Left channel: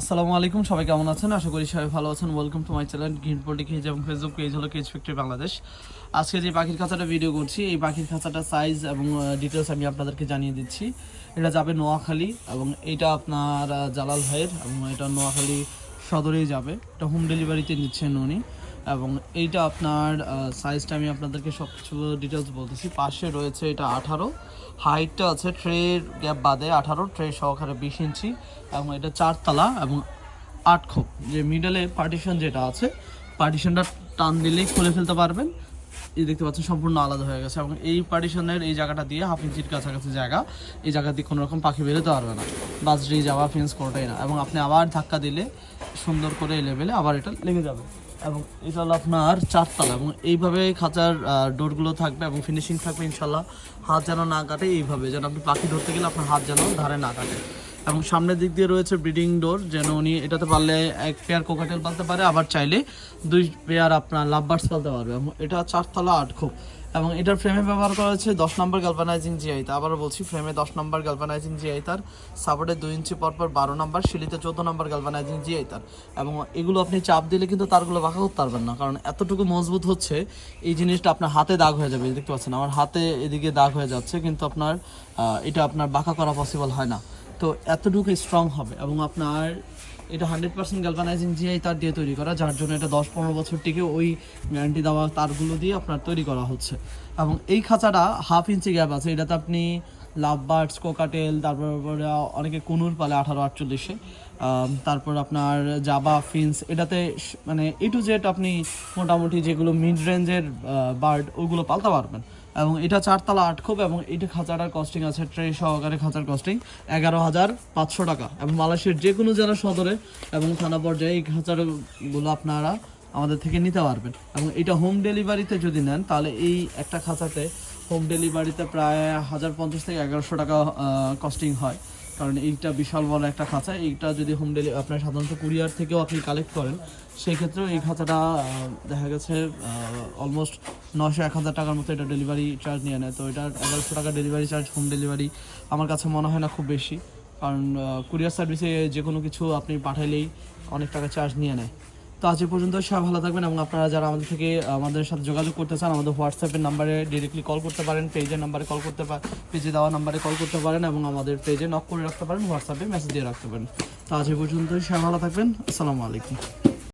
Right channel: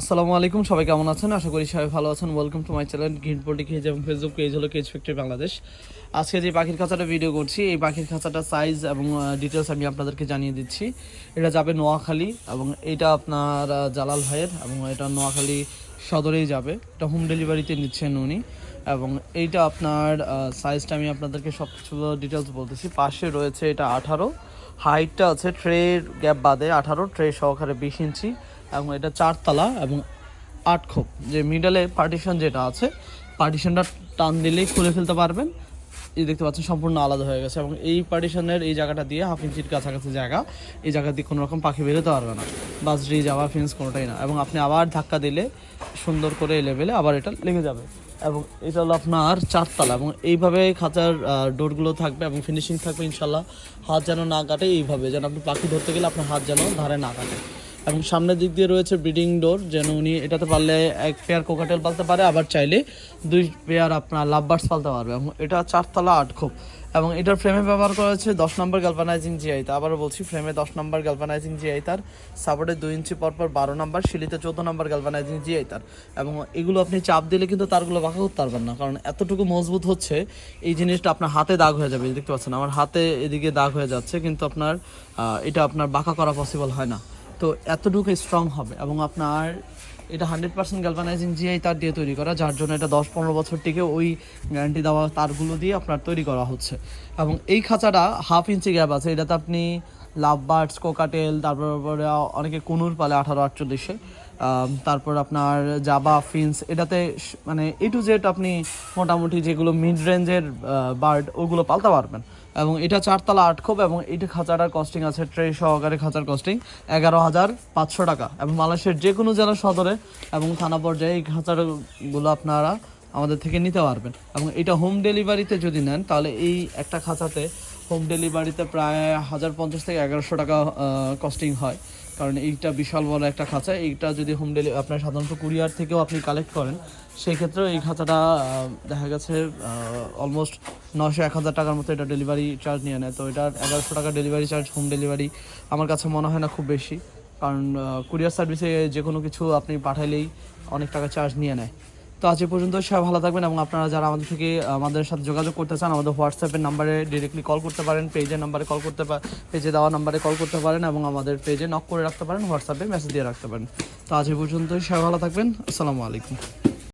আসসালামু আলাইকুম, সবাই কেমন আছেন? আশা করি সবাই ভালো আছেন। Welcome to my channel green poultry cage এবং ফেসবুক পেজ হলো কেজ ফ্যাক্টরি বাংলাদেশ। আজকে যে পাখির খাঁচাটা ভিডিও করছি, এই পাখির খাঁচাটা সাইজ এবং ডিটেলস আমি আপনাদেরকে জানিয়ে দিচ্ছি। এটা যাবে নোয়াখালী এবং এটা আপনার জালাল ভাইয়ের, এবং এটা নোয়াখালী সদরেই যাবে। এটা হোম ডেলিভারিতে নিচ্ছেন উনি। এবং এইটা আপনার সাইজটা আমি আপনাদেরকে সব কিছু ডিটেলস বলতেছি। পাশে রয়েছে এটা 18, হাইটটা আছে ট্রের গ্যাপ বাদে 18, ট্রে সহকারে 20 ইঞ্চি, এবং এটা 4 তলা এবং 8 খোপ। যে মিডলে পার্টিশন যেটা আছে, পার্টিশনটা টান দিলেই খুলে ফেলতে পারবেন। এই দেখতে পাচ্ছেন সম্পূর্ণ আলাদা হয়ে গেছে, এবং এই পার্টিশনের এই জায়গাটা দিয়ে হাফ ইঞ্চির কাছাকাছি জায়গা, এই জায়গা দিয়ে কোনো রকম পাখি বেরোতে পারবে না, বাজরি যাওয়া ফেন্স কোনোটাই না। এবং আপনি আবার ধাক্কা দিলে সুন্দর করে এই লেভেলে আবার এটা লেগে যাবে। এবং এটা হলো আপনার 4 তলা, এবং এইভাবে খাঁচার ডোরগুলো থাকবে এবং ফিনিশিং থাকবে ইনশাল্লাহ। হাত যেন না কাটে, এইভাবে যেন আপনি পাখি ধরতে গেলে আপনার হাত যেন ধারে না কাটে। এবং সামনের দিক দিয়ে রয়েছে ব্রিডিং ডোর, যেন উনি এটাতে পারলে 1 পেয়ার কোকাটেল পালতে পারে, আবার চাইলে 2 পেয়ার আপনার লাভবার্ডস পালতে পারবে। এবং এটা 4 তলা 8 খোপ। এবং এটার ফ্রেমে ব্যবহার করা হয়েছে 10 নম্বর গ্যালভানাইজিং জিআই তার। আবারও বলছি, ফ্রেমে 10 নম্বর গ্যালভানাইজিং জিআই তার, সাপোর্টে 2 ইঞ্চি পরপর 12 নম্বর, সিলিতে 14 নম্বর গ্যালভানাইজিং জিআই তার। এবং এগুলো আপনি চাপ দিলে কিন্তু তারগুলো বাঁকা করতে পারবেন না, কারণ এতটুকু মজবুত হচ্ছে। এই জিনিসটা আপনার হাতে দাগ হয়ে যাবে, দেখতে পাচ্ছেন আমার হাতে এদিকে দাগ হয়ে যাচ্ছে, কিন্তু আপনার এটা আপনার বাঁকা করা পসিবল হয় না। তো এতটুকু স্ট্রং হবে। এবং আপনার এটা 100% গ্যালভানাইজিং জিআই তার দিয়ে তৈরি করা, যার জন্য এটা 10-15 বছর থেকে ওই গ্যারান্টি দেওয়া তারগুলো দিয়ে আপনার তৈরি করা হচ্ছে। এবং এই খাঁচাটা হাফ ইঞ্চি গ্যাপ আছে, এটাতে আপনি লাভ বার্ডস, কোকাটেল, তারপরে অনেকে কুনুর পালে 18-48-এ, তারপর আপনার জাবা ফিন্স, এটাতে মানে এ টু জেড আপনি মোটামুটি যেগুলো মিড রেঞ্জের বার্ড ওগুলো পালতে পারবেন। এবং এটা 4 তলা 8 খোপ। এবং এইটা খাঁচাটার কস্টিং আছে ট্রে সহকারে, খাঁচার কস্টিং 11,500 টাকা। এবং মালয়েশিয়ার যে কোনো জেলার সদরে এবং থানা পর্যায়ে এই খাঁচাগুলো আপনারা আমাদের থেকে নিতে পারবেন। এবং এটা হোম ডেলিভারিতে যদি নেন, তাহলে এই একটা খাঁচাতে হোম ডেলিভারিতে প্রায় 1050 থেকে 1100 টাকা কস্টিং হয়, কারণ এইটা বিশাল বড় একটা খাঁচা। এইটা যদি হোম ডেলিভারি আপনার সাধারণত কুরিয়ার থেকেও আপনি কালেক্ট করেন, সেই ক্ষেত্রে এই খাঁচাটা দেখা গেছে অলমোস্ট 900-1000 টাকার মতো এটা ডেলিভারি চার্জ নিয়ে নেয়। তো এটা 1100 টাকা ডেলিভারি চার্জ হোম ডেলিভারি আমার কাছে মনে হয় না খুব বেশি, কারণ কুরিয়ার সার্ভিসে যে কোনো কিছু আপনি পাঠাইলেই অনেক টাকা চার্জ নিয়ে নেয়। তো আজ এ পর্যন্ত, সবাই ভালো থাকবেন। এবং আপনারা যারা আমাদের সাথে যোগাযোগ করতে চান, আমাদের হোয়াটসঅ্যাপের নাম্বারে ডিরেক্টলি কল করতে পারেন, পেজের নাম্বারে কল করতে পারেন, পেজে দেওয়া নাম্বারে কল করতে পারেন, এবং আমাদের পেজে নক করে রাখতে পারেন, হোয়াটসঅ্যাপে মেসেজ দিয়ে রাখতে পারেন। তো আজ এ পর্যন্ত, সবাই ভালো থাকবেন। আসসালামু আলাইকুম।